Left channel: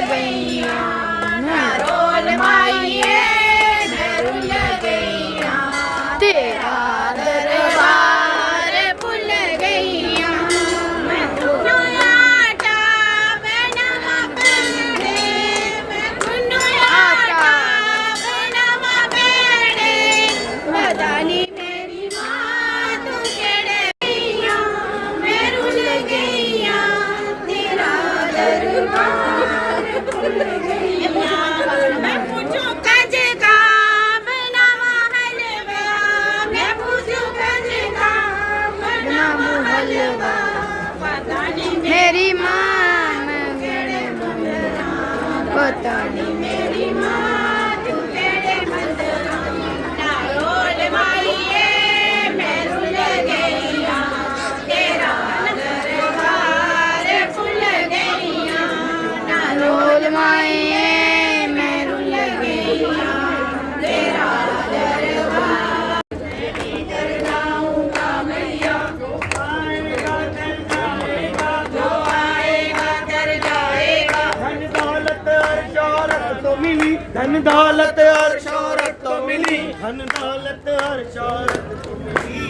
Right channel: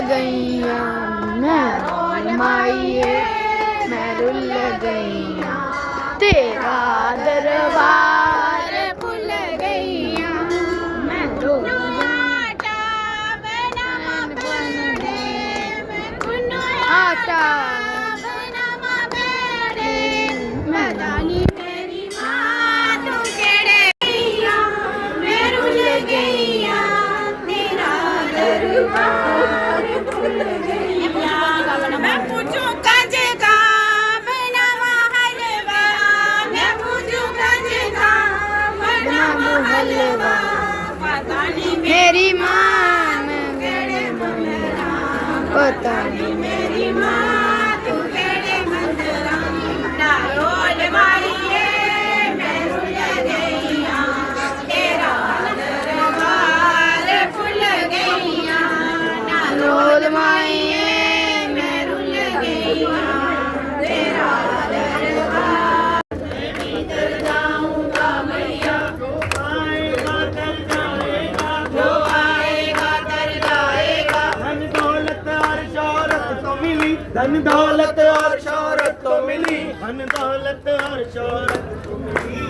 गईया मैं माइये मैं रुल गईया तेरा दरबार भूल गईया आटा मेरी माँ तू केड़े मैं रुल गईया तेरा दरबार मैं पूछू काजे का बनावा हलवा मैं पूछू काजे का बनावा हलवा पता नहीं मेरी माँ मैं केड़े मंदरा पता नहीं मेरी माँ तू केड़े मंदरा ना रोल माइये मैं रुल गईया तेरा दरबार भूल गईया ना रोल माइये मैं रुल गईया तेरा दरबार भीतर जाऊंगा मैया जो आएगा तर जाएगा जो आएगा तर जाएगा धन दौलत और शौहरत तो मिली धन दौलत और शौहरत तो मिली धन दौलत और शौहरत तो मिली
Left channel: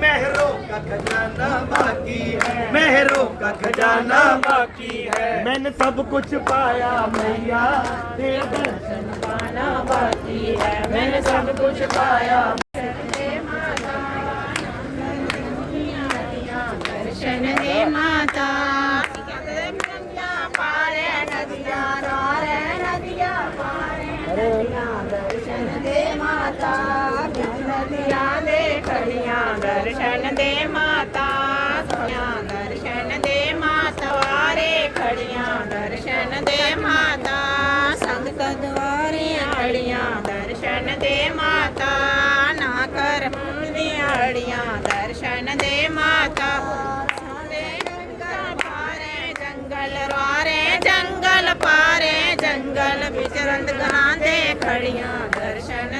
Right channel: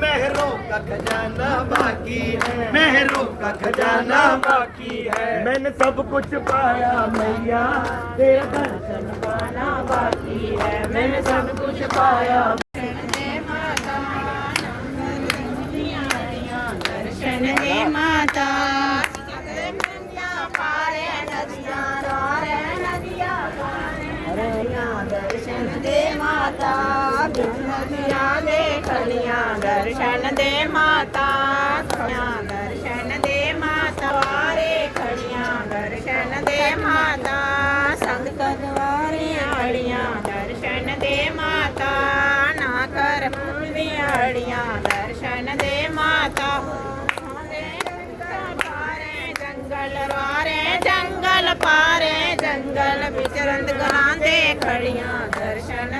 मेहरों का खजाना बाकी है मेहरों का खजाना बाकी है मैंने सब कुछ पाया मैया तेरा दर्शन पाना बाकी है मैंने सब कुछ पाया दर्शन दे माता दर्शन दे माता नदियाँ दे खड़ियाँ दर्शन दे माता दर्शन दे माता द्वारे खड़ियाँ दर्शन दे माता संगत द्वारे खड़ियाँ दर्शन दे माता ना कर अड़ियाँ दर्शन दे माता जंगल वारे जंगल पारे जंगल विचरंद गांदे खड़ियाँ दर्शन